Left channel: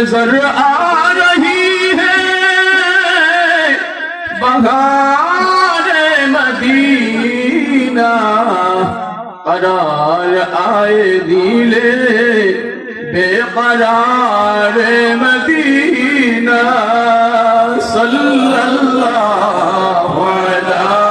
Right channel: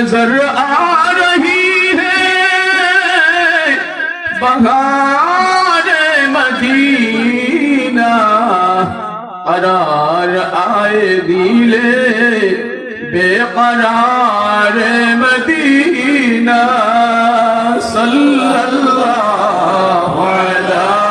نظر آ رہی ہے۔ بہار مدینہ قرار آئے دیلے بے قرار مدینہ صلی اللہ علیہ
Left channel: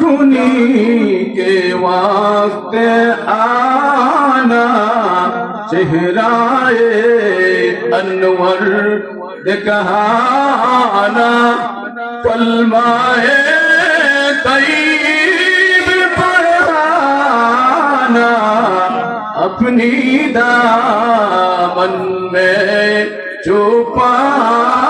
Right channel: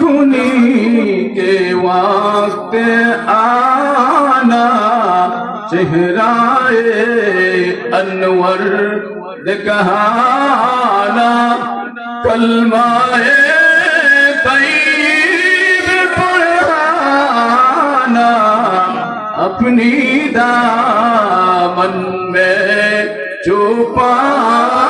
کنی کے وقت آنا۔ چہرہ انور دکھانا کلمہ طیب پڑھانا۔ اپنی دامن میں چھپانا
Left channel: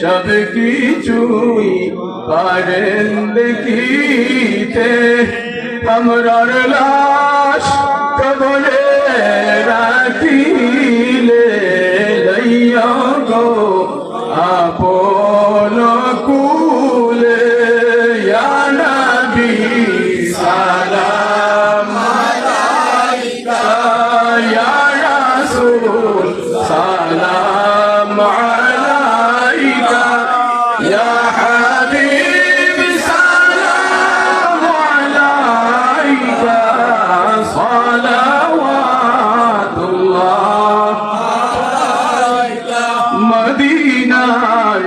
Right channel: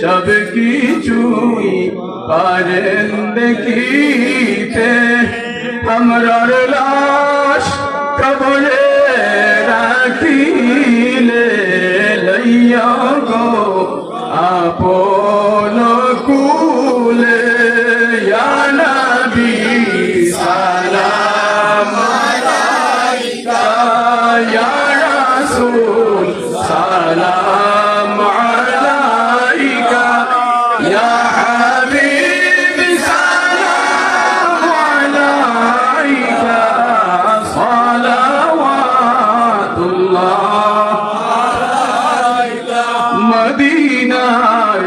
সব কিছুই পারেন দেখিতে। আমরার লাশ কবরে রাখিলে লইয়া গো আপন কুলে। সালাম আলাইকা, ইয়া রাসূল। মদিনার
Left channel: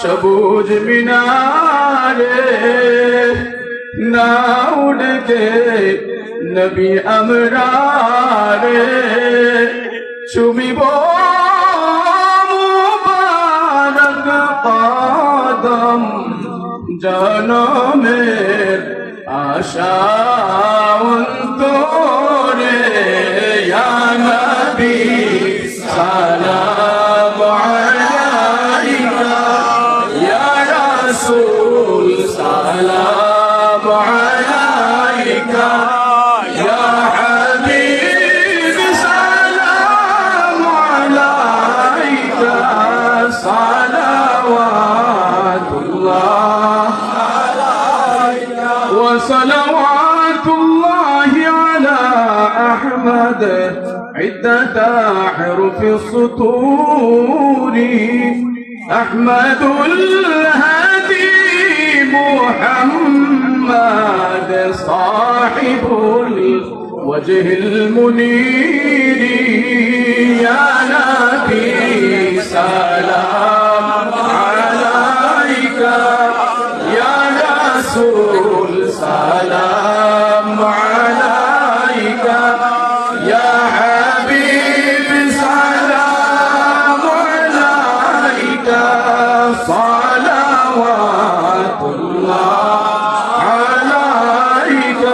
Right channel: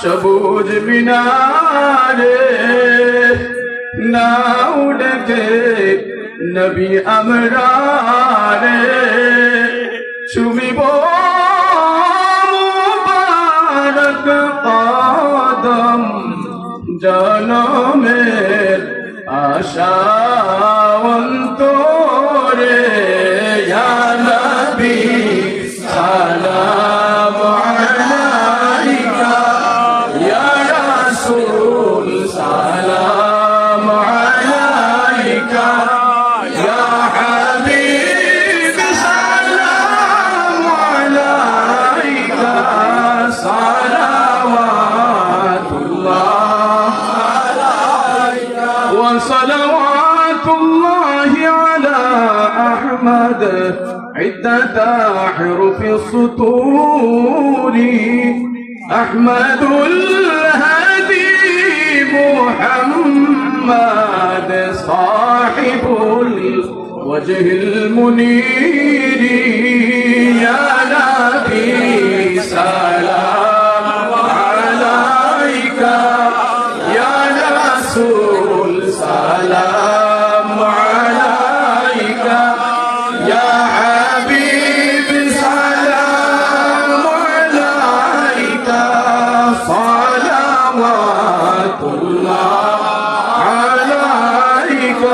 সবুজ মিনারে। না উড়কে নবী আমরারে। ছুবিব মুবারক কদম জনমের আশা وصلوات الله على أحمد. عدة أحرف السطور. أحمد الهادي محمد صاحب الوجه المنير. يا نبي سلام عليك.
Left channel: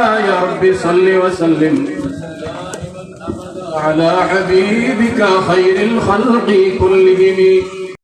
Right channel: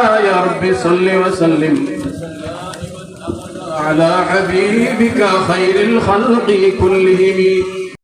يا رب صل وسلم على حبيبك خير الخلق كلهم